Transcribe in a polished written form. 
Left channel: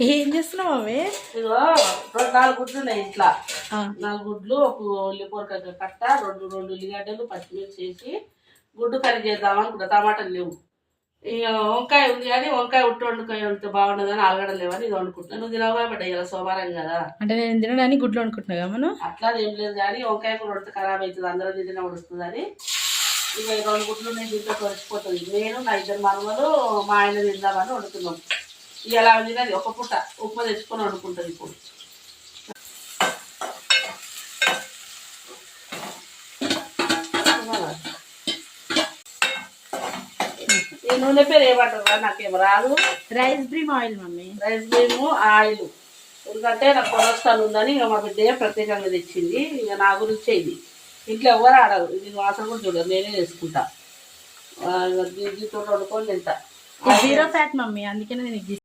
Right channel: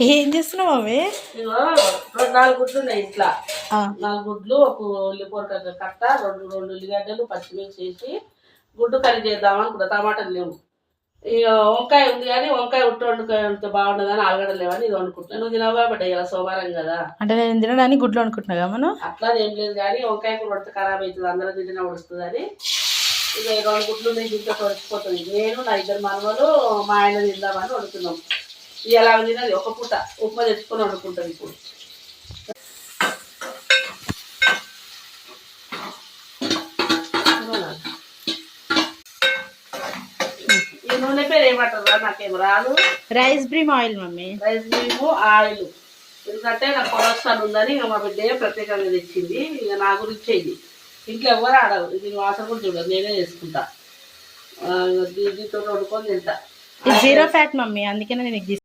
ఏం చేస్తున్నావు అవి? ఇగో 4 గుడ్లు ఉన్నాయి ఇంట్లో. 4 గుడ్లు, ఒక ఉల్లిపొరక కట్ట, 2 ఉల్లిగడ్డలు, పచ్చిమిర్చి వేసి గుడ్డు కర్రీ చేద్దాం అనుకుంటా. టమాటాలు లేవు. ఇక వంకాయ ఉంది కానీ వంకాయ వంకాయ ఉంటే బాగుండదని ఆలుగడ్డ లేవని ఇది వండుకుంటున్నాను. నువ్వు తినవా బిడ్డ, ఇలా సోమవారం కదా. అంటే నేను తినడానికి గుడ్లు వండుకుంటున్నా మనం. అట్లా ఏం లేదు కానీ వంకాయ కూడా వండితే ఖరాబ్ అవుతుంది, అందరూ తింటే వడుస్తుందని. ఇక 2 గుడ్లు ఉన్నాయి, దీంట్లో వచ్చిపోతుంది. నేను నా 2 మనవలు మా ఆయన తిందామని వండుతున్నాం. ఇలా తినది ఒక పూట ఉప్మా తెచ్చుకొని వండుకుంటుంది. ఇప్పుడు ఈ నూనె పేరు ఏమంటారు నాకేం రాదు. Rice bran oil mummy. Rice bran oil. ఎందుకంటే నాకు కొలెస్ట్రాల్ ఉందని ఇక మా బిడ్డ ప్రత్యేకంగా తెచ్చింది. ఇక నా గురించి ఇది ఇంట్లో ఎవరు ఆడవు. ఇది వాసన కూడా చూడదు, నేనే చేసుకుంటా. దీంతో వండుకొని తింటా. 0 ఫ్యాట్ మమ్మీ, అందుకనే నేను